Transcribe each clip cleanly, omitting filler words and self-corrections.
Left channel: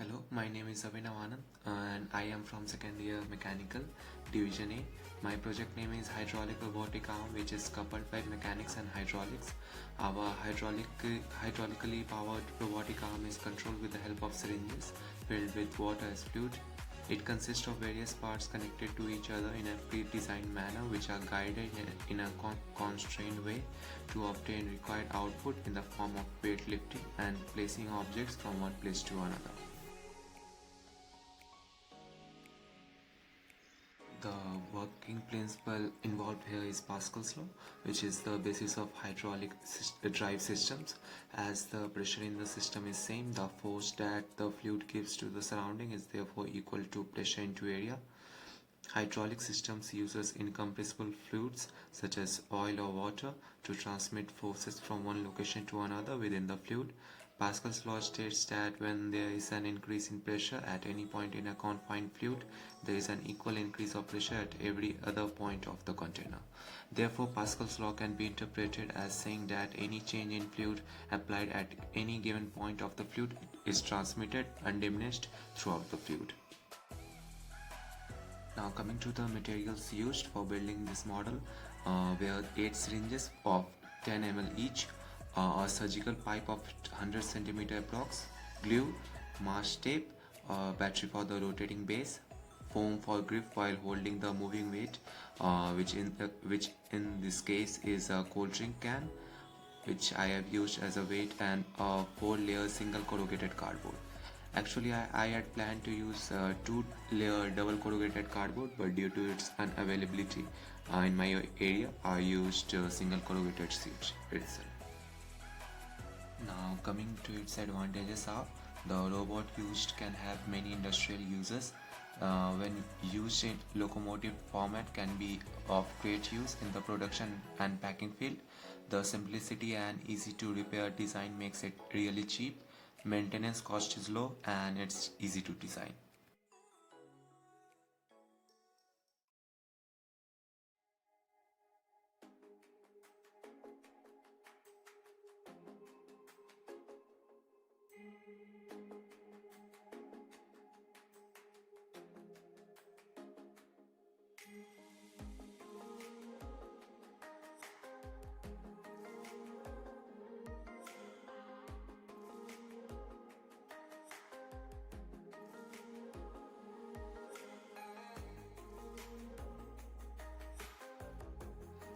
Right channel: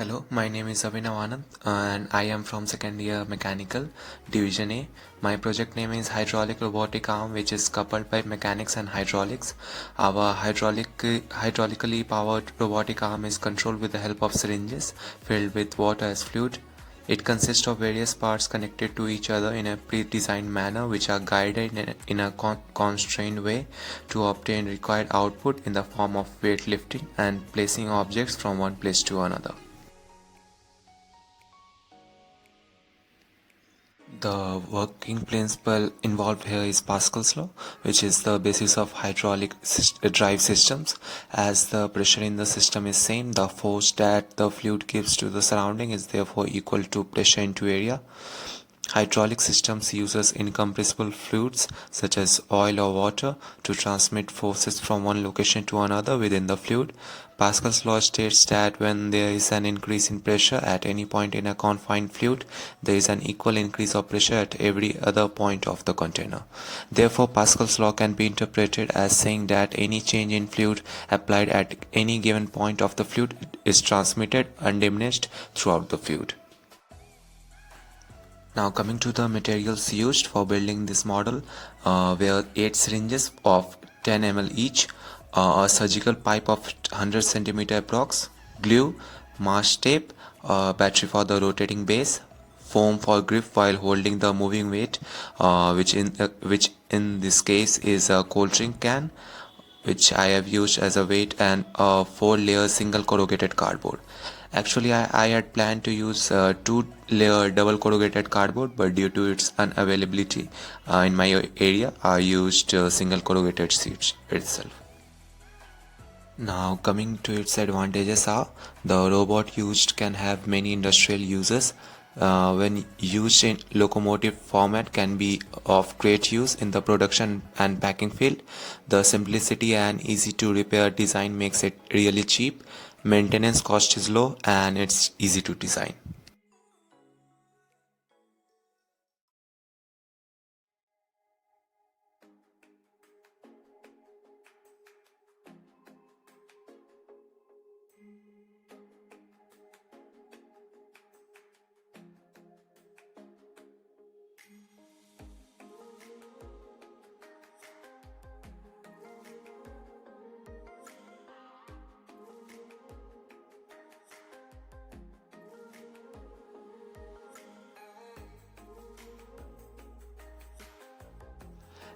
Hello, my name is Abhinav Anand and I am from second year mechanical division A. My project name is hydraulic robotic arm, which is coupled by mechanics and hydraulics. Our hydraulically powered robotic arm is controlled with the help of syringes filled with water as fluid. It consists of various parts connected to each other in a pre-designed manner, which are guided in a constrained way to obtain required output in the form of weightlifting and placing objects from one place to another. The working principle involved here is Pascal's law, which is the basis of hydraulic drive systems. As the pressure in the system is same, the force that the fluid gives to the surrounding is therefore equal to pressure into area. Hydraulic systems uses incompressible fluids such as oil or water to transmit forces from one location to another within the fluid. Pascal's law states that when there is an increase in pressure at any point in a confined fluid, there is an equal increase of pressure at every other point of the container. Therefore, Pascal's law can be interpreted as saying that any change in fluid applied at any given point of the fluid is transmitted undiminished throughout the fluid. Now coming to the materials used for building this model, were 8 syringes of 10 ml each, a surgical pipe of 100 centimeter approx, glue, mask tape, battery for the rotating base, foam for grip while holding the moving weight, which in this case is a cold drink can, which I have used as a weight, and a 4-layer single corrugated cardboard. Actually, I had planned to use 2-layer double corrugated cardboard, but due to its unavailability in my area, I used single corrugated sheets itself. Now coming to its advantages are the robot used can have many industrial uses. When used in locomotive format can be of great use in the production and packing field. The simplicity and easy to repair design makes it really cheap. Maintenance cost is low and it's easy to design.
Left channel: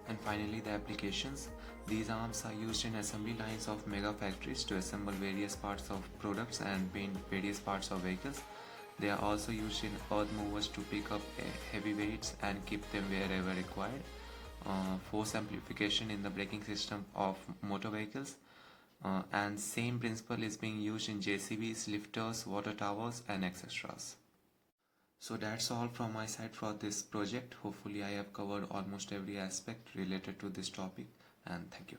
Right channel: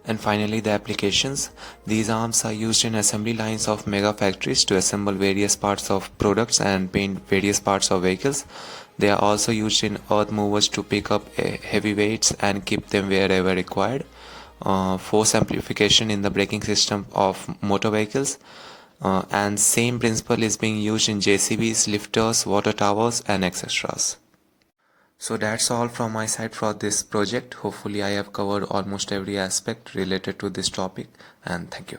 And finally, the applications. These arms are used in assembly lines of mega factories to assemble various parts of products and paint various parts of vehicles. They are also used in earth movers to pick up heavy weights and keep them wherever required. Force amplification in the braking system of motor vehicles. And same principle is being used in JCBs, lifters, water towers, and etc. So that's all from my side for this project. Hopefully I have covered almost every aspect related to this topic, and thank you.